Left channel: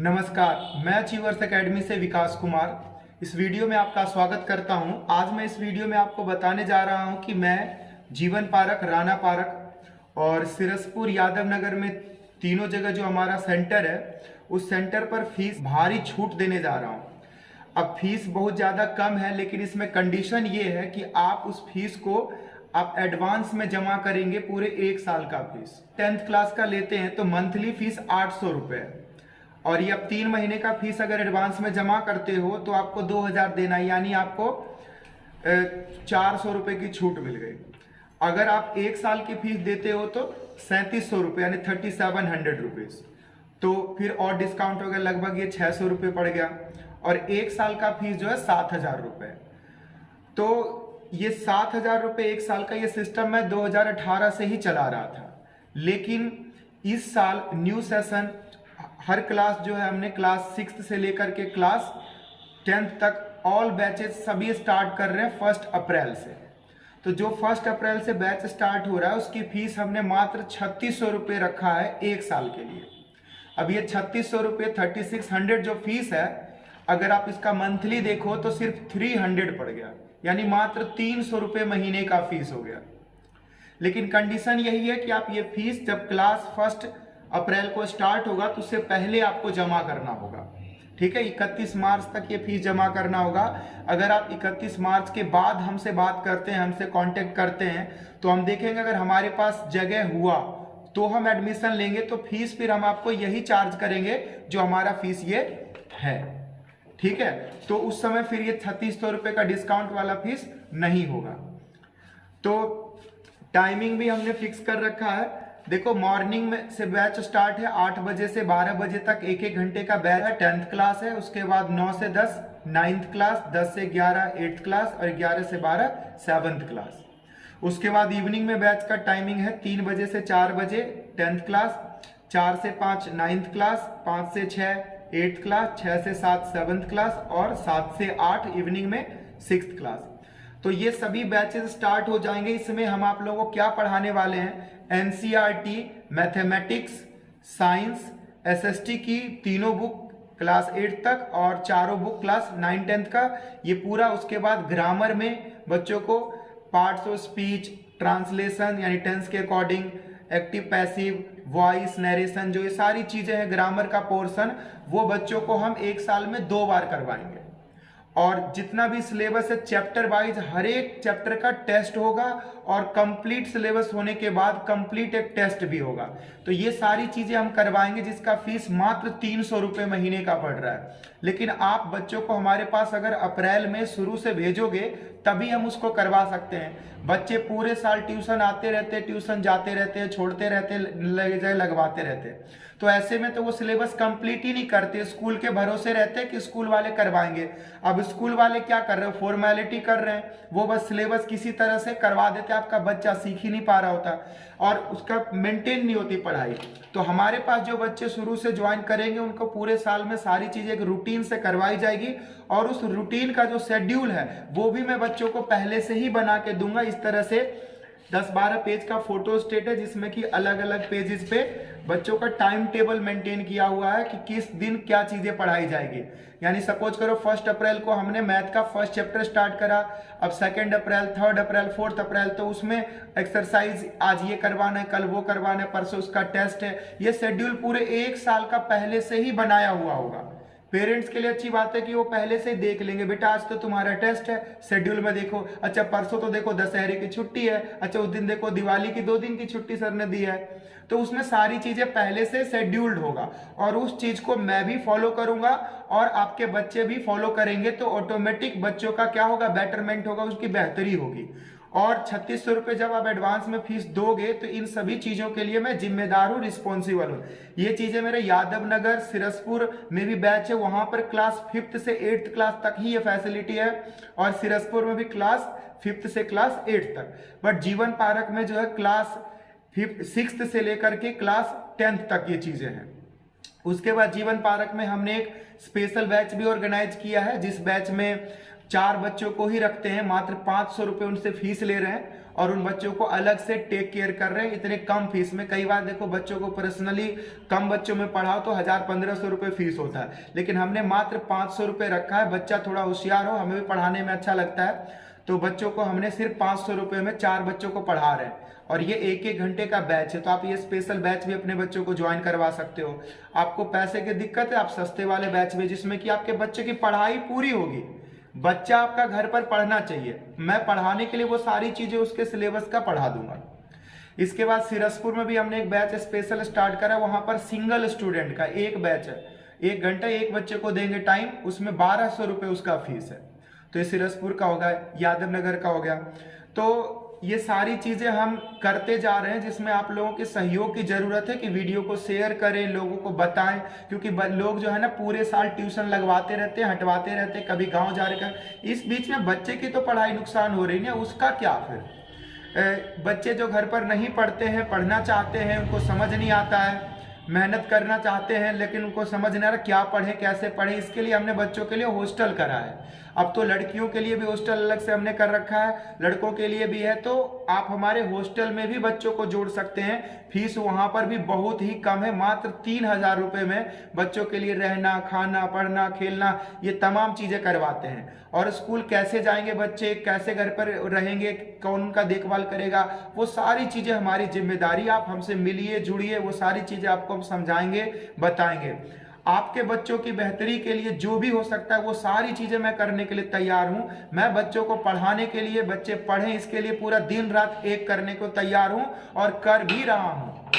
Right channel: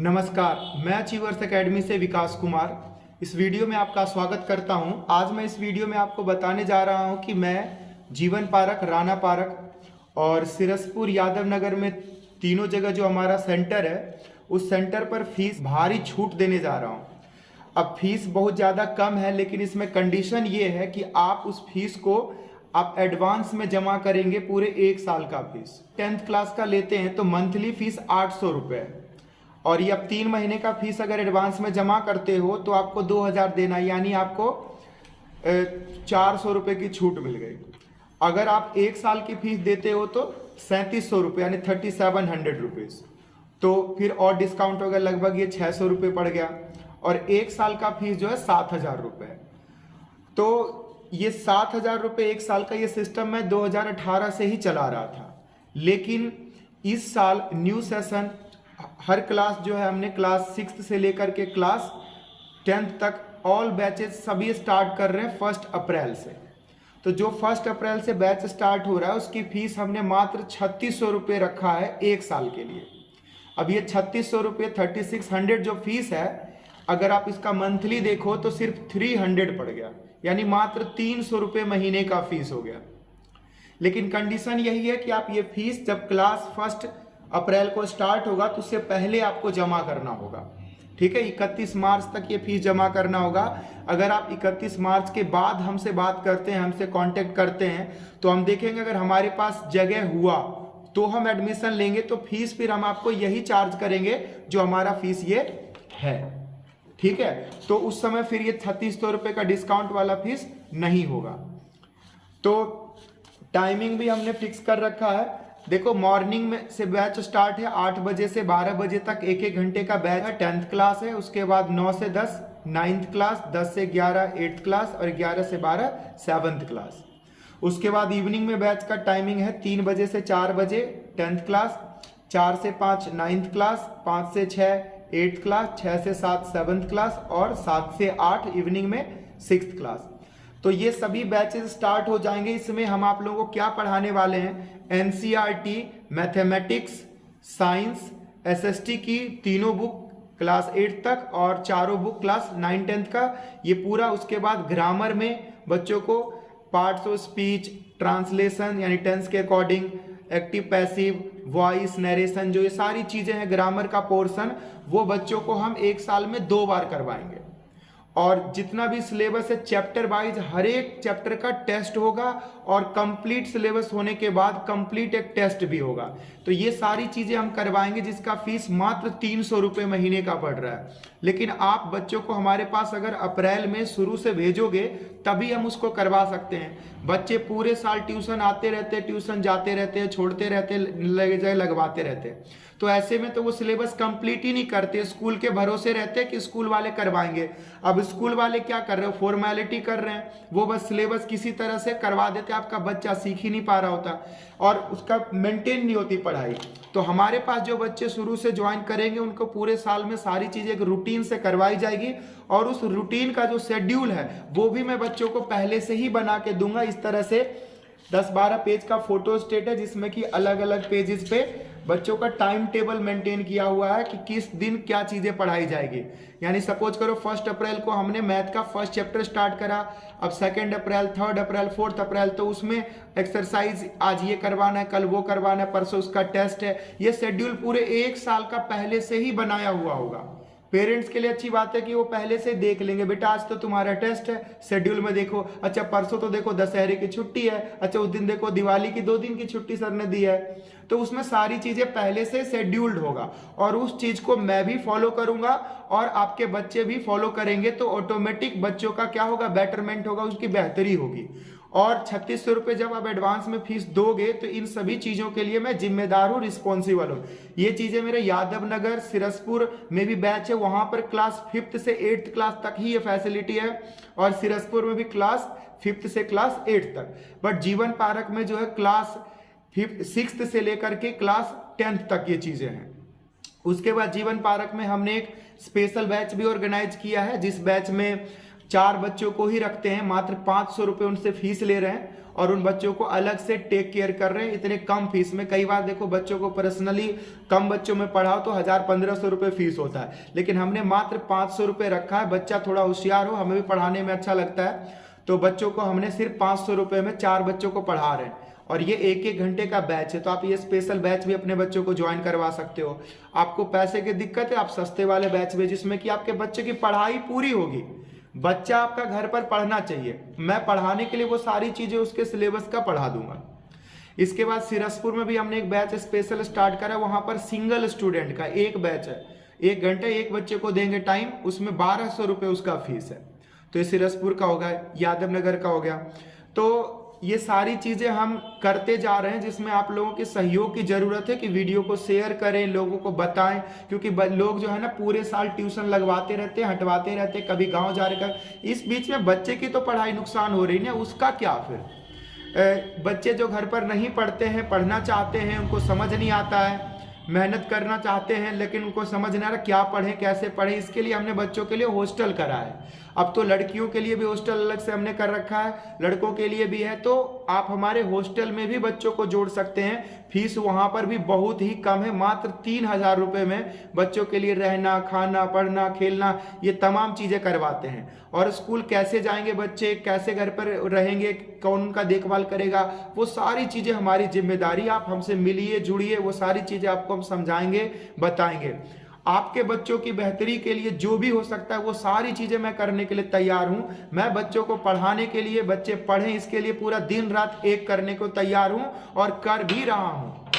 नमस्कार, मैं achievers academy से विकास कुमार इस वीडियो में आपका स्वागत करता हूं। आज मैं इस वीडियो में आपको बताने जा रहा हूं कि मैं जीवन पार्क, राणा पार्क और सिरसपुर यादव नगर में तीनों जगह जो हमारा सेंटर है उस सेंटर पर फीस भारी छूट देने जा रहा हूं। अब फीस बहुत ज़्यादा कम है, लेकिन इसमें कंडीशन ये है कि आप उस फीस को आप एडवांस में जमा करेंगे। पूरे 1 साल का फीस 10th क्लास का लेते हैं तो मंथली फीस 800 रुपये है, और ये अब 3 महीने का फीस अगर एडवांस में जमा करते हो तो आपको 2000 देना है, यानी आपको 400 रुपये की छूट मिल गई। अगर आप 1 साल की फीस देते हो तो 3700 रुपये यानी 3700 रुपीज़, तो फिर और डिस्काउंट वगैरह लगभग ये 600 रुपये पड़ गया। और 1 साल का फीस जो है 7000 रुपये। तो ये 7000 रुपये 1 साल का ये सिस्टम मैं 2018 से ही चला रहा था, लेकिन इस साल न्यू सेशन हर क्लास जो है हमने क्लास 6 से लेकर के क्लास 10th तक ऑल बैचेस सभी स्टार्ट कर रहे हैं 1 अप्रैल से। तो जो 1 अप्रैल से बैच स्टार्ट हो रहा है उसकी फीस हमने मात्र 3600 रुपये रखा है 1 साल के लिए। अब ये 3600 रुपये 3600 जो फीस है, अगर आप इसका मंथली देखो तो सिर्फ 300 पड़ गया, यानी मात्र 300 रुपये महीने का फीस हो गया। लेकिन कंडीशन यही है कि आप ये फीस जब क्लास 1 अप्रैल को स्टार्ट होगा तो उससे पहले आपको जमा करना होगा। ठीक है, 31 मार्च तक ये फीस जमा करना होगा। अगर आप 31 मार्च के बाद हमसे बात करते हैं, हमसे कांटेक्ट करते हैं, तो हम देखेंगे अगर हमारे पास जगह हुआ तो हम एडमिशन लेंगे, तो फीस फिर हम आपको यही चार्ज करेंगे जो हमारा फीस ये है। ठीक है, तो उस समय फिर ये 3600 रुपये का डिस्काउंट वाला फीस नहीं होगा। तो टाइमिंग भी हमने फिक्स कर रखा है। देखो, मॉर्निंग में से बैच स्टार्ट है 8 बजे से 12 बजे तक 1-1 घंटे का बैच है। 10th क्लास है, उसके बाद 9 से 10 9th क्लास, 10 से 11 8th क्लास और 11 से 12 7th क्लास। उसके बाद इवनिंग में बैच का टाइमिंग है 3 बजे से 4 बजे 10th क्लास, 4 से 5 9th क्लास, 5 से 6 8th क्लास, 6 से 7 7th क्लास और 7 से 8 इवनिंग में 6th क्लास। तो ये सभी बैचेस स्टार्ट हो जाएंगे। इसमें हम आप लोगों को क्या पढ़ाने वाले हैं, एनसीईआरटी, मैथमेटिक्स, साइंस, एसएसटी की तीनों बुक क्लास 8 तक और चारों बुक क्लास 9 10th का ये पूरा। उसके बाद ग्रामर में बच्चों को पार्ट्स ऑफ स्पीच, ट्रांसलेशन यानी टेंस के according, active passive, voice, narration, जो ये सारी चीजें हैं ग्रामर का पोर्शन, वो बच्चों को हम 1 साल में 2 बार करवाएंगे। और जितना भी सिलेबस है चैप्टर वाइज हर एक चैप्टर का टेस्ट होगा, और कंप्लीट सिलेबस होने के बाद कंप्लीट एक टेस्ट भी होगा। तो ये सारी चीजें हम करवाएंगे, जिसका फीस मात्र 300 रुपये महीने का पड़ रहा है। लेकिन आप बच्चों को हमारे पास अगर अप्रैल में शुरू से भेजोगे तभी हम उसको करवा सकते हैं। बच्चे पूरे साल ट्यूशन आते रहते, ट्यूशन जाते रहते, छोड़ते रहते, लगवाते रहते, तो ऐसे में तो वो सिलेबस कंप्लीट ही नहीं करते, स्कूल के भरोसे रहते कि स्कूल वाले करवाएंगे। अब स्कूल वाले क्या कर रहे हो, फॉर्मेलिटी कर रहे हैं, वो बस सिलेबस किसी तरह से करवा देते, आपका बच्चा सीख ही नहीं पा रहा होता और उसका मेंटेन नहीं होती पढ़ाई। तो हमारे पास जो बच्चे शुरू से ज्वाइन करेंगे उनको पूरे साल में सारी चीजें एक रूटीन से करवाई जाएगी, और उस रूटीन का जो शेड्यूल है वो भी मैं बच्चों को पहले से ही बना के दूंगा। इस तरह से 10-12 पेज का फोटो स्टेट है, जिसमें कि अलग अलग पेजेस पे बच्चों का टाइम टेबल मेंटेन किया हुआ है कि किस दिन क्या चीजें पढ़ाई जाएगी। यानी सपोज करो 1 अप्रैल को हमने मैथ का 1st चैप्टर स्टार्ट करा, अब 2 अप्रैल, 3 अप्रैल, 4 अप्रैल, तो उसमें एक्सरसाइज आज ये करवाना है, कल वो करवाना है, परसों उसका टेस्ट है। ये शेड्यूल पूरे 1 साल का पहले से ही बनाया हुआ होगा। पेरेंट्स के लिए अच्छी बात है कि वो पहले से देख लेंगे, बेटा आज तो तुम्हारा टेस्ट है, शेड्यूल में देखो, अच्छा परसों तो देखो दशहरे की छुट्टी है, अच्छा उस दिन देखो दिवाली की 2 दिन की छुट्टी सर ने दी है। तो उसमें सारी चीजें पहले से शेड्यूल्ड होगा, और उस चीज को मैं भी फॉलो करूंगा और आपके बच्चे भी फॉलो करेंगे, तो ऑटोमेटिक बच्चों का क्या होगा, बेटरमेंट होगा, उसकी बेहतरी होगी। और 3600 रुपये जब आप एडवांस में फीस दोगे तो इन सभी चीजों के लिए मैं जिम्मेदार हूँ, रिस्पॉन्सिबल हूँ। ये चीजें मेरे यादव नगर, सिरसपुर में भी बैच है, वहां पर क्लास 5th से 8th क्लास तक ही ये फैसिलिटी है, और सिरसपुर में भी क्लास 5th से क्लास 8th तक। बट जीवन पार्क में जो है क्लास 6th से लेकर के क्लास 10th तक ये चीजें हैं। उसके बाद जीवन पार्क में हमने एक स्पेशल बैच भी ऑर्गेनाइज किया है, जिस बैच में 4 बच्चों को ही रखते हैं, मात्र 500 रुपये उनसे फीस ले रहे हैं और उन बच्चों को अलग से टेक केयर कर रहे हैं इतने कम फीस में। कई बार देखो बच्चों को पर्सनली कम बच्चों में पढ़ाओ तो 1000-1500 रुपये फीस होता है, लेकिन हमने मात्र 500 रुपये रखा है। बच्चा थोड़ा होशियार हो, हमें भी पढ़ाने में अच्छा लगता है, तो बच्चों को हमने सिर्फ 500 रुपये में 4 बच्चों को पढ़ा रहे हैं और ये 1-1 घंटे का बैच है। तो आप ये स्पेशल बैच भी अपने बच्चों को ज्वाइन करवा सकते हो। आपको पैसे की दिक्कत है, आप सस्ते वाले बैच में जिसमें कि आपके बच्चे की पढ़ाई पूरी होगी। बच्चा आपका घर पर पढ़ना चाहिए, मैं पढ़ाने के लिए वो सारी चीजें उसके सिलेबस का पढ़ा दूंगा। इसके बाद सिरसपुर में भी हमने एक बैच स्पेशल स्टार्ट करा, वहां पर सिंगल स्टूडेंट का एक बैच है, 1 घंटा एक बच्चे को देंगे टाइम, उसमें 1200 रुपये उसका फीस है। तो ये सिरसपुर का हो गया, यादव नगर का हो गया। तो ये सारी चीजें हम करते जा रहे हैं जिसमें आप लोगों के सहयोग की जरूरत है कि वीडियो को शेयर करें, लोगों को बताएं, क्योंकि लोग जो है ना पूरे साल ट्यूशन लगवाते रहते हैं, हटवाते रहते हैं, कभी गांव जा रहे हैं। इस बीच में बच्चे की तो पढ़ाई नुकसान हो रही है, उसका क्या फिर? बच्चे जो घर पर नहीं पढ़ते हैं, पढ़ना चाहते हैं, उनको समझ नहीं आता है, मेहनत करना चाहते हैं लेकिन उनको समझ नहीं आ रहा क्या पढ़ें कैसे पढ़ें। इसके लिए हमने बच्चों के लिए हॉस्टल करा है। अब तो लड़कियों के लिए भी हॉस्टल अलग से हमने कर रखा है, लड़कों के लिए भी है। तो आप हमारे हॉस्टल में भी बच्चों को जोड़ सकते हैं। फीस वहां पर भी बहुत ही कम है, मात्र 3000 रुपये में बच्चों के लिए रहना, खाना, पढ़ना, खेलना, ये तमाम चीजें करवाते हैं। और स्कूल कैसे जाएंगे बच्चे, कैसे घर पर रहेंगे, कौन उनका देखभाल करेगा, वो सारी चीजें हमारी जिम्मेदारी। आप हमसे मिलिए, जुड़िए, वो सारी चीजें आपको हम समझाएंगे, बताएंगे। आपके बच्चों की बेहतरी के लिए जो भी हो सकता है वो सारी चीजें मैं करने के लिए तैयार हूं। मैं बच्चों को पढ़ाने के लिए, बच्चे पढ़ें इसके लिए पूरा दिन रात एक करने को तैयार हूं और कर भी रहा हूं।